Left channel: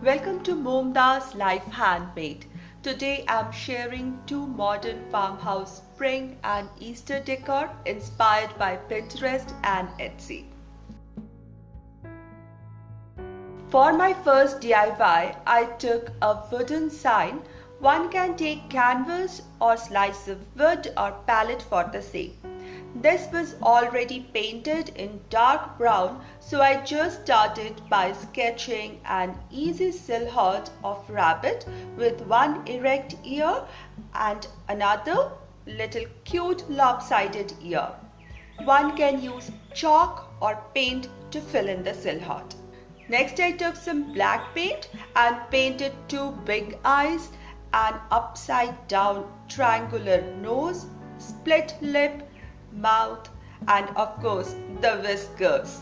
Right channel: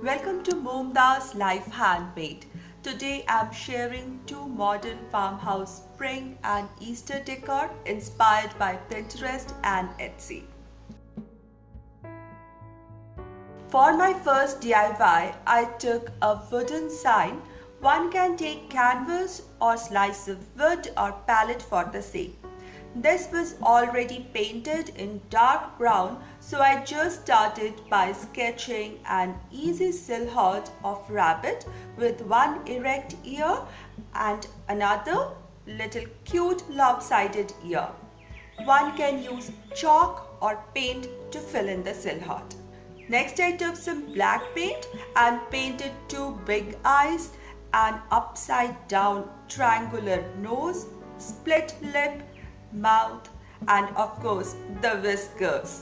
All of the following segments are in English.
Welcome to Momda's Life Handmade. Today I'm sharing two modern farmhouse spring and Easter decor inspired by Pinterest and Etsy. For my first DIY, I took a wooden sign. One can take canvas or slice of wood or pallet for the same. This was already painted in dark brown, so I just started by sketching an easy silhouette of rabbit with one erect ear and another little cute lopsided ear. One can use chalk or paint to fill in the silhouette. Next, I took some black paint and painted two big eyes, an upside down triangular nose, split lip, mouth, and of course the whiskers.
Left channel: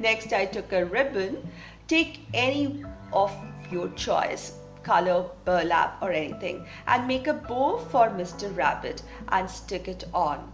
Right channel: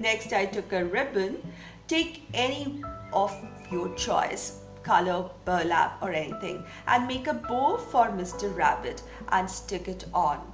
Next, I took a ribbon. Take any of your choice, color, burlap, or anything, and make a bow for Mr. Rabbit and stick it on.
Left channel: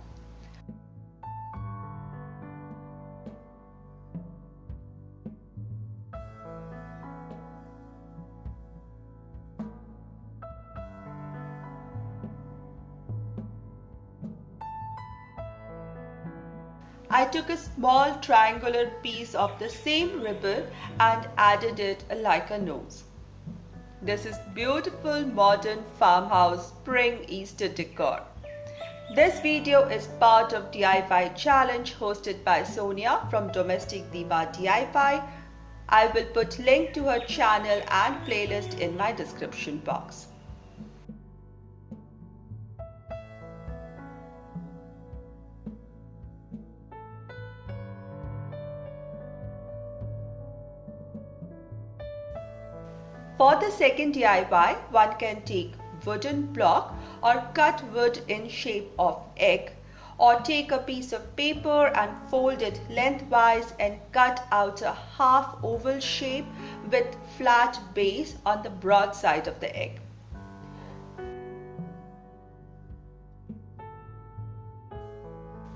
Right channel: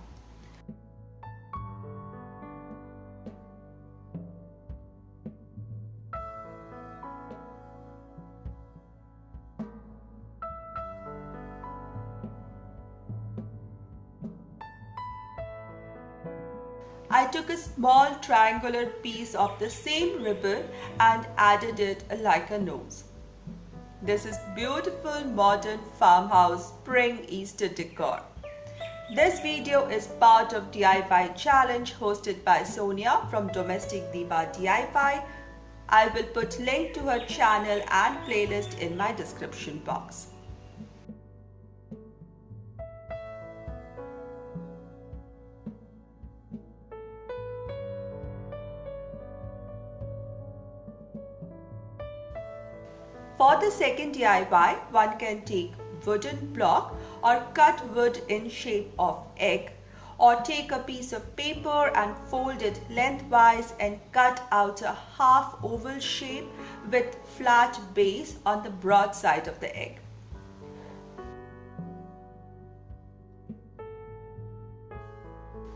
I took a small triangular piece of the same ribbon and added it like a nose. This is beautiful modern farmhouse spring Easter decor. This video is part of DIY challenge hosted by Sonia from Domestic Diva DIY. I will put link to her channel and playlist in my description box. For the second DIY, one can take wooden block or cut wood in shape of egg, or take a piece of paper and fold it lengthwise and cut out a half oval shape with flat base on the broad side of the egg.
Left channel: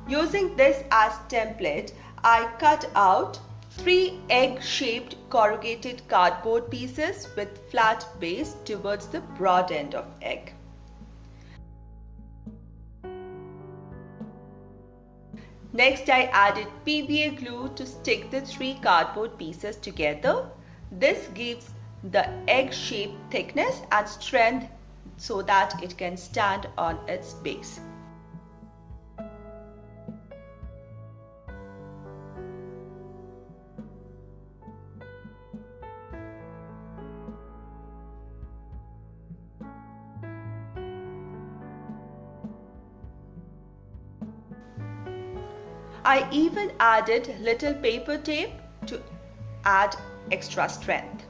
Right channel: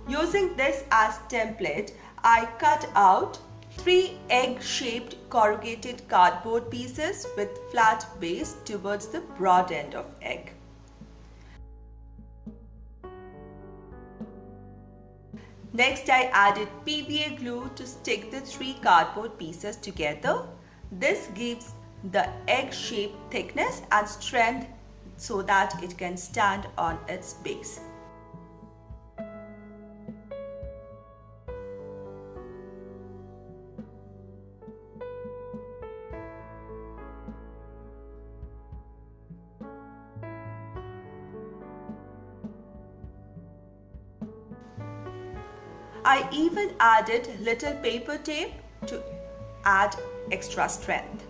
Using this as template, I cut out 3 egg-shaped corrugated cardboard pieces with flat base towards the broad end of egg. Next, I added PVA glue to stick the 3 cardboard pieces together. This gives the egg-shaped thickness and strength so that it can stand on its base. I even added little paper tape to add extra strength.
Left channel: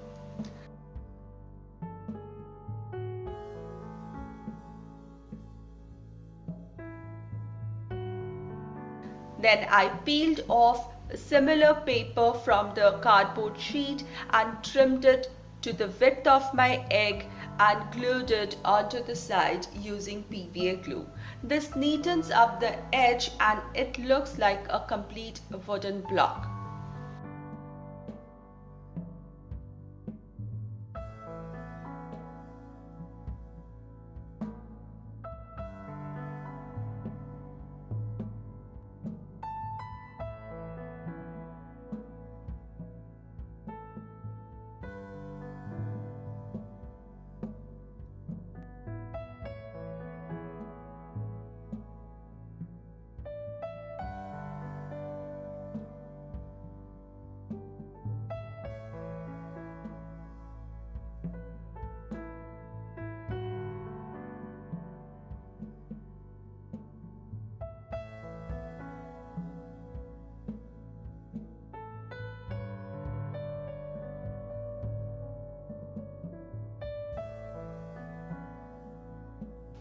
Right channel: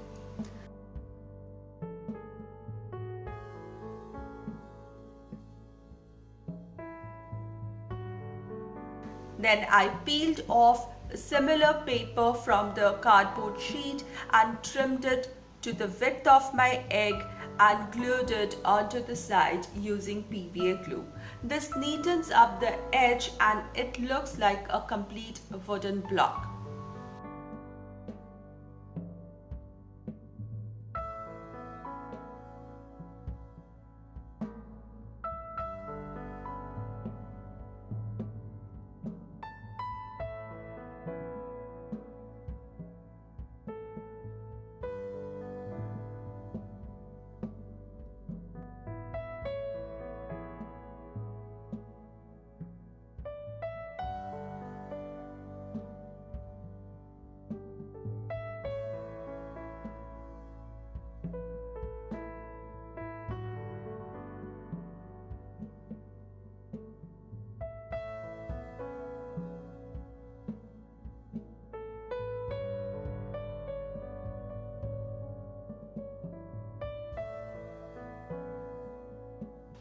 Then I peeled off similar paper from the cardboard sheet and trimmed it to the width of my egg and glued it onto the side using PVA glue. This neatens up the edge and it looks like a complete wooden block.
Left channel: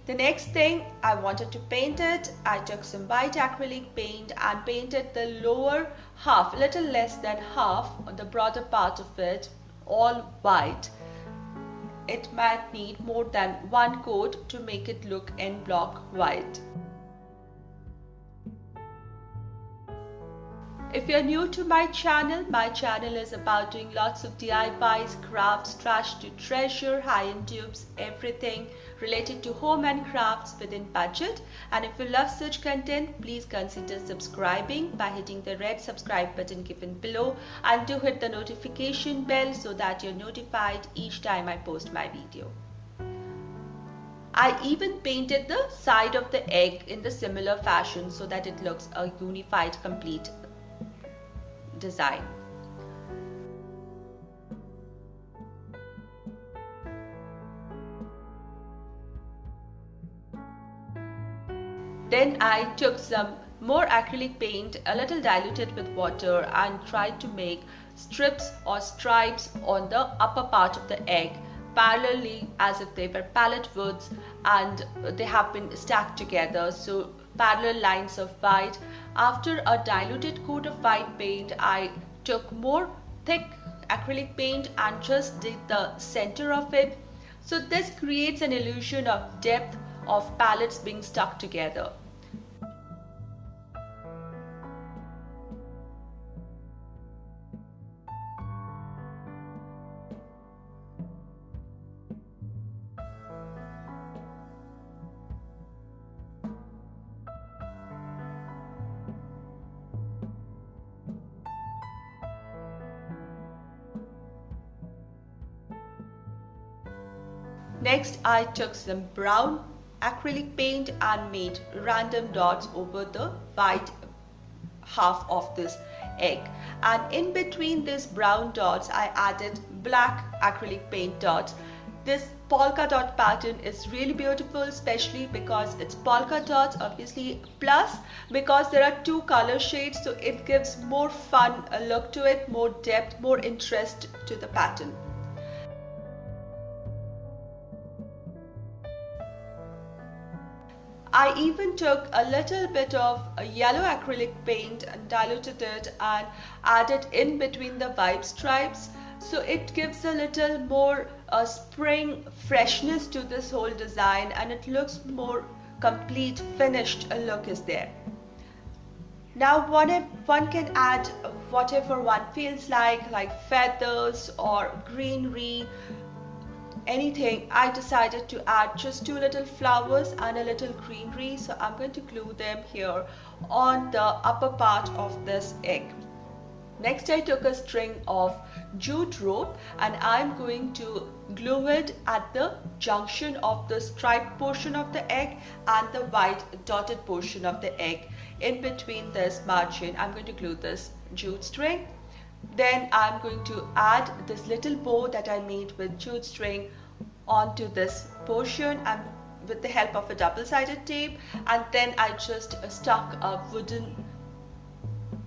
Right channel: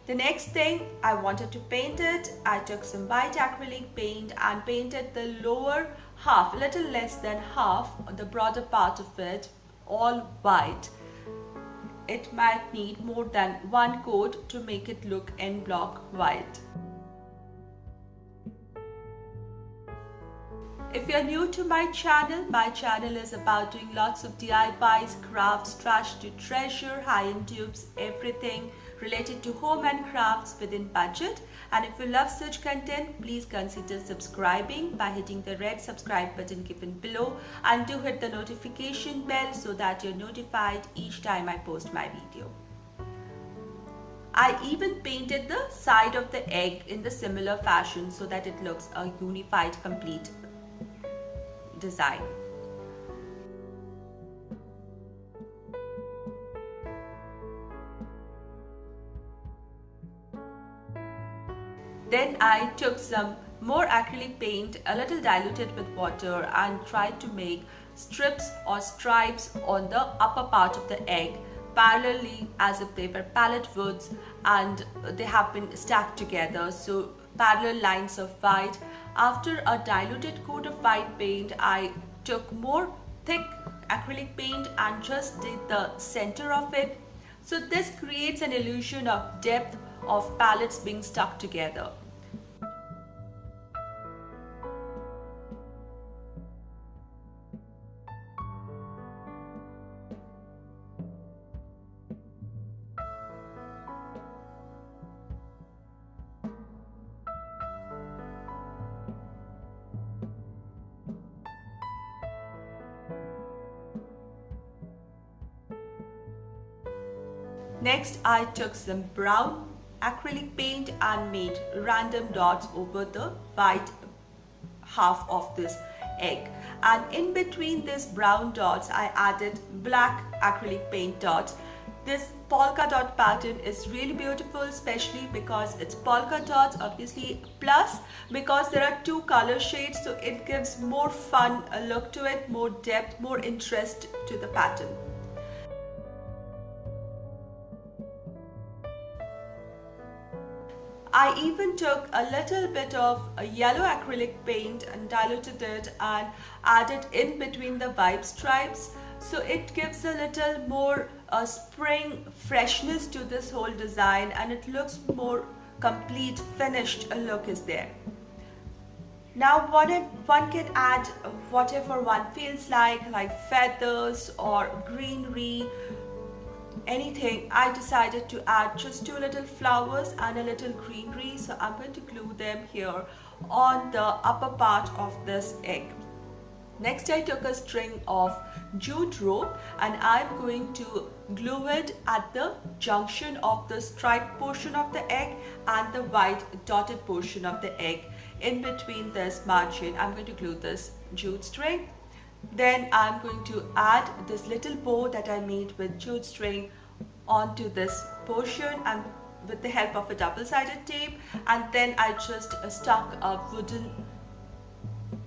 The next thing, I wanted to paint it. I took some white acrylic paint and painted the lower half, a little less than half, the broader part of it, all white. It might need more than one coat to make it look en bloc white. If you're new to my channel is about doing lots of DIYs, crafts, trash to treasure, high-end dupes, everything related to home and crafts within budget. And if you love such content, please consider subscribing by hitting the red subscribe button given below, and do hit the notification bell so that you're notified each time I post my video. I even painted the side of the egg in the similar fashion so that it looks a unified, complete design. Then I took some more acrylic paint, a little diluted with water, and tried to make strips or stripes on the upper part of the egg, parallelly as if they were palette woods and they have been stacked together, so parallel lines of white. After a diluted coat of white paint, I took more thick acrylic paint and just did the center of it. So this creates an illusion of depth of palettes being stuck together. Next, I took some brown acrylic paint and made random dots over the white half of this egg. And in between these brown dots, I added black acrylic paint dots. This polka dot pattern is really beautiful, especially because it's polka dots, obviously, plus because there are two color shades, so it gives more fun look to it, more depth, more interest to the pattern. I even took a little bit of a yellow acrylic paint and diluted it and added in between the vibe stripes, so it gives a little more spring freshness to this whole design, and it looks more complete, finished look is there. Now one can add whatever one feels like feathers or greenery, anything. I decided to add just two little flowers and a little greenery, so I'm going to glue them here on the upper part of this egg. Next, I took a string of jute rope and I'm going to glue it at the junction of the striped portion of the egg and the white dotted portion of the egg. In between this margin, I'm going to glue this jute string. Then I'm going to add this little bow that I made with jute string onto this portion and with the help of a double-sided tape, and then I just stuck a wooden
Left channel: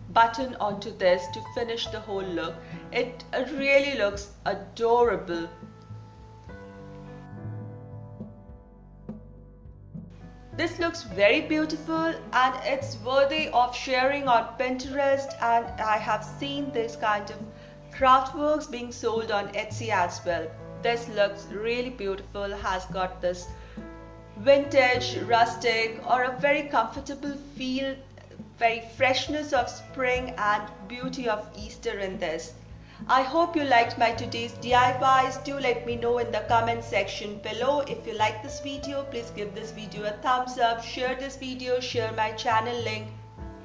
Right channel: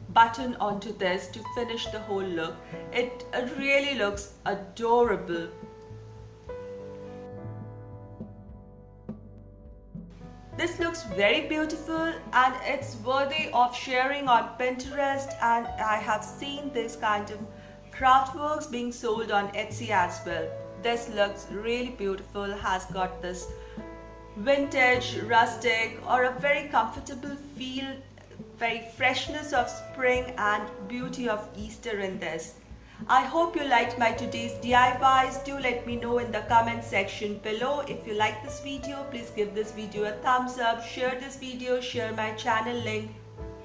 button onto this to finish the whole look. It really looks adorable. This looks very beautiful and it's worthy of sharing on Pinterest, and I have seen this kind of craft works being sold on Etsy as well. This looks really beautiful, has got this vintage, rustic, or a very comfortable feel, very freshness of spring and beauty of Easter in this. I hope you liked my today's DIYs. Do let me know in the comment section below. If you like this video, please give this video a thumbs up, share this video, share my channel link.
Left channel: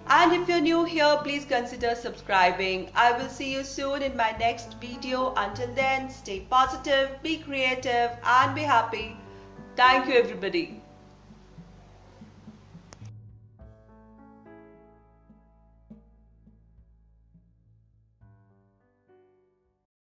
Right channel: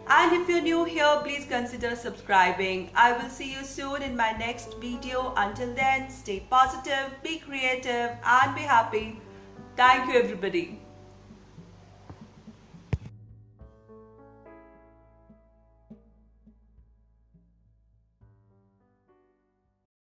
And if you're new here, please consider subscribing. I will see you soon in my next video. Until then, stay positive, be creative, and be happy. Thank you, everybody.